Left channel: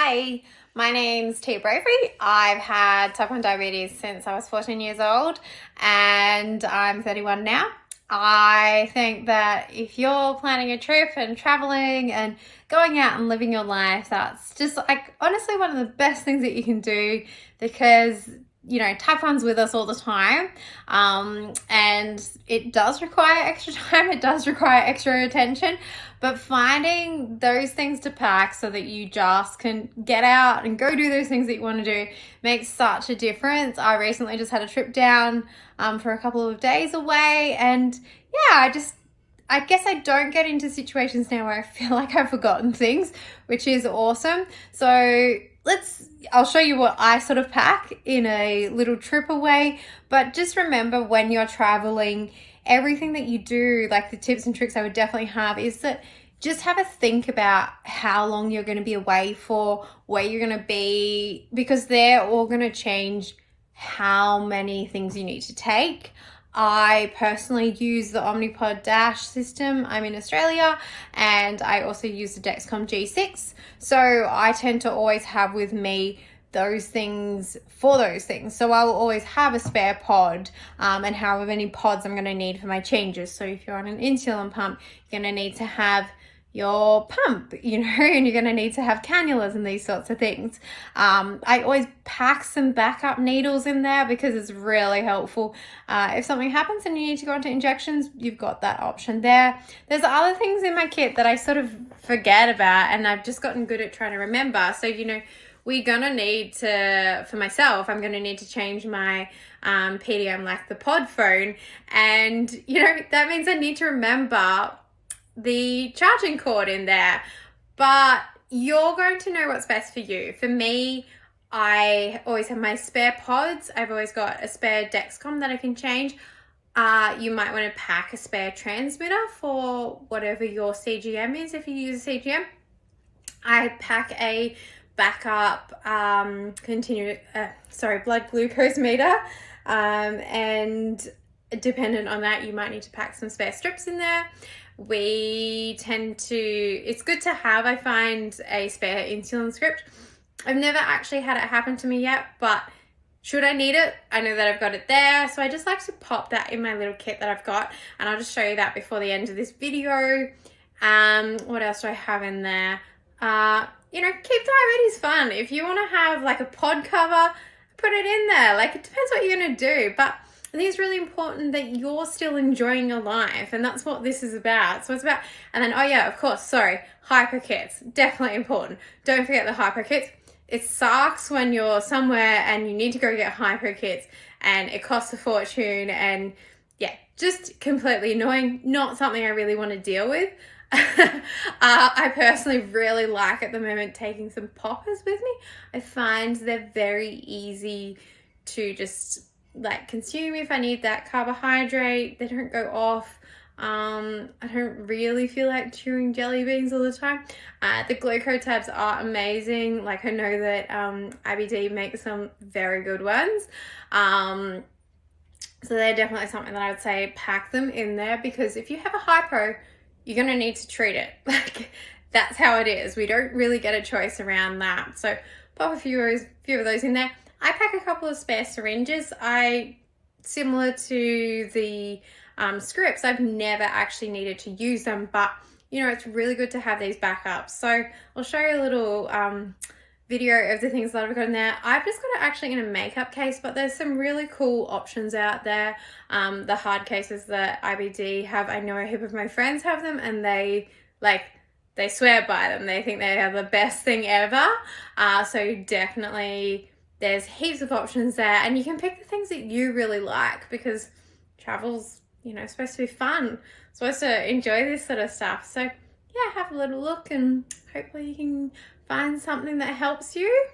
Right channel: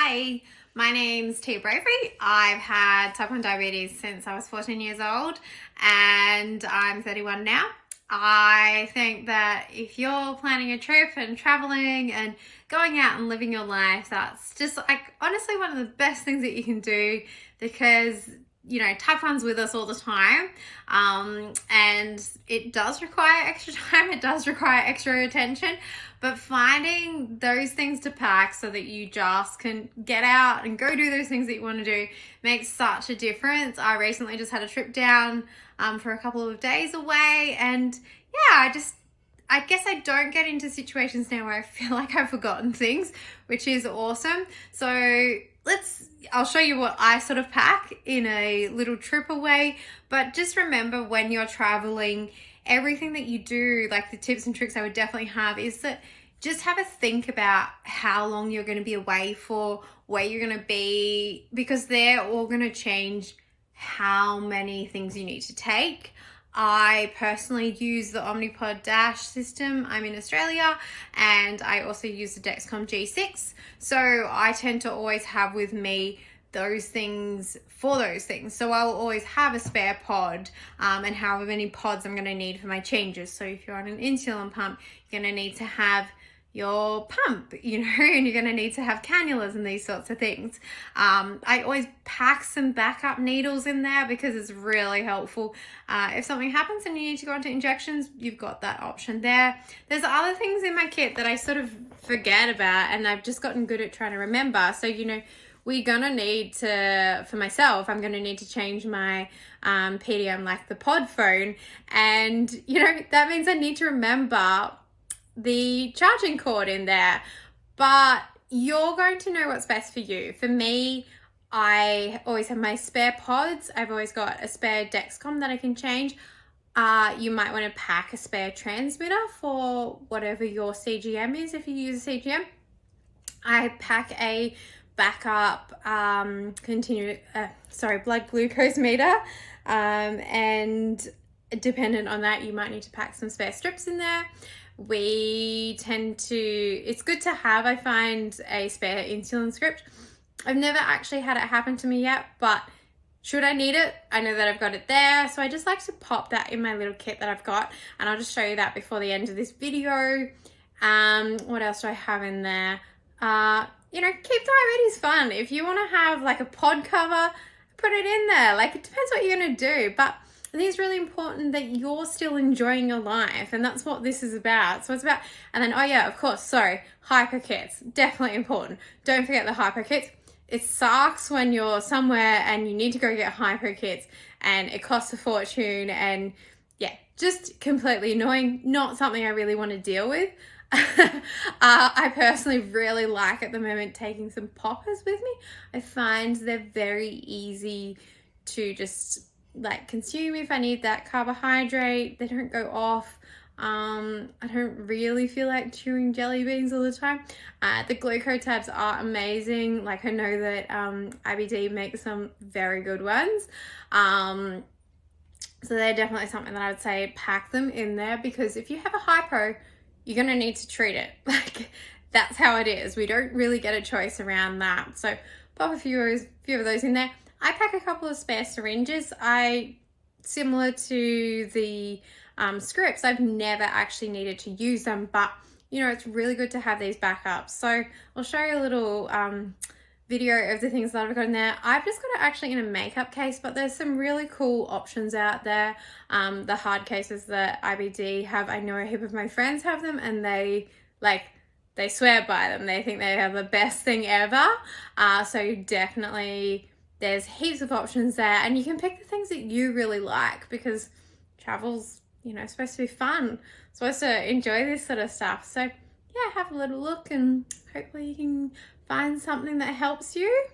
Hi, my name's Tia Bravery. I've had type 1 diabetes since I was 14 years old and I'm 31 now. I think that if you're planning a trip and traveling and going out and living your life, that's just like honestly one of the best things that you can do because type 1's with us all the time, and it does require extra time, it does require extra attention, but finding those things to pack so that you just can get out and go do those things that you want to do makes such a difference. I recently just had a trip down for a couple of days away, and yeah, I guess I don't get into situations now where I feel like I've forgotten things, which is awesome. So I'll show you what I sort of pack in a little trip away, but just remember when you're traveling, everything that you do, like the tips and tricks I would definitely have is that just have a think about how long you're going to be away for, where you're going to be, because they're all going to change how many things you need to take. I personally use the Omnipod Dash system. I'm in Australia and I also use the Dexcom G6. So I tend to always have with me those things for those things. So I will always have a spare pod and however many pods I'm going to need for my changes. So if you're on an insulin pump, you're going to need to have your pump, and you're going to need to have cannulas and these sorts of things. I always pack some backup needles in there because it's really helpful. If something happens and you need to go into injections, you've got that option there. There's other things in my kit that I sort of forget about and I've just gotten good at trying to remember. So, we're going to need to, for myself, I'm going to need to change my PDM, like the pod phone. And, that means I need to remember the charging cord in there, but you're going to know what's best for you. For me, I always have my spare pods. I've always got a spare Dexcom that I can change. You might want to pack a spare transmitter for whatever your CGM is. If you use a CGM, I pack a backup blood glucose meter, and dependent on that, you might need to pack some spare strips in there. It's good to have, I find, a spare insulin script. I've never actually had it happen to me yet, but should I need it, I know that I've got it there. So I just like to pop that in my little kit that I've got, and I'll just show you that before the end of this video. What else do I have in there? Keep diabetes fun. If you want to have like a pod cover, put it in there. Like, it depends what you're going to do, but I think it's really important that you're still enjoying your life, and that's what this is about. So it's about, and then, hyper kits, definitely important. Don't forget the hyper kits. It sucks when you're somewhere and you need to go get hyper kits and it costs a fortune, and yeah, just completely annoying. Not something I really want to deal with. I personally really like at the moment taking some poppers with me. I find they're very easy to just consume if I need that carbohydrate. They don't go off. I don't really feel like chewing jelly beans all the time. The Gluco tabs are amazing. I know that IBD makes some very good ones. So they're definitely something that I would say pack them in there, because if you have a hypo, you're going to need to treat it. That's how it is. We don't really get a choice around that. So pop a few of those in there. I pack a couple of spare syringes. Similar to the scripts, I've never actually needed to use them, but it's really good to have these backups. So I'll show you a little video of the things that I've got in there. I've just got it actually in a makeup case, but there's some really cool options out there. The hard cases that IBD have, I know a heap of my friends have them, and they swear by them. They think they are the best thing ever. So definitely, there's heaps of options there, and you can pick the things that you really like, because travel's, supposed to be fun. Supposed to enjoy this sort of stuff. So yeah, have a little look and hopefully you can find something that helps you.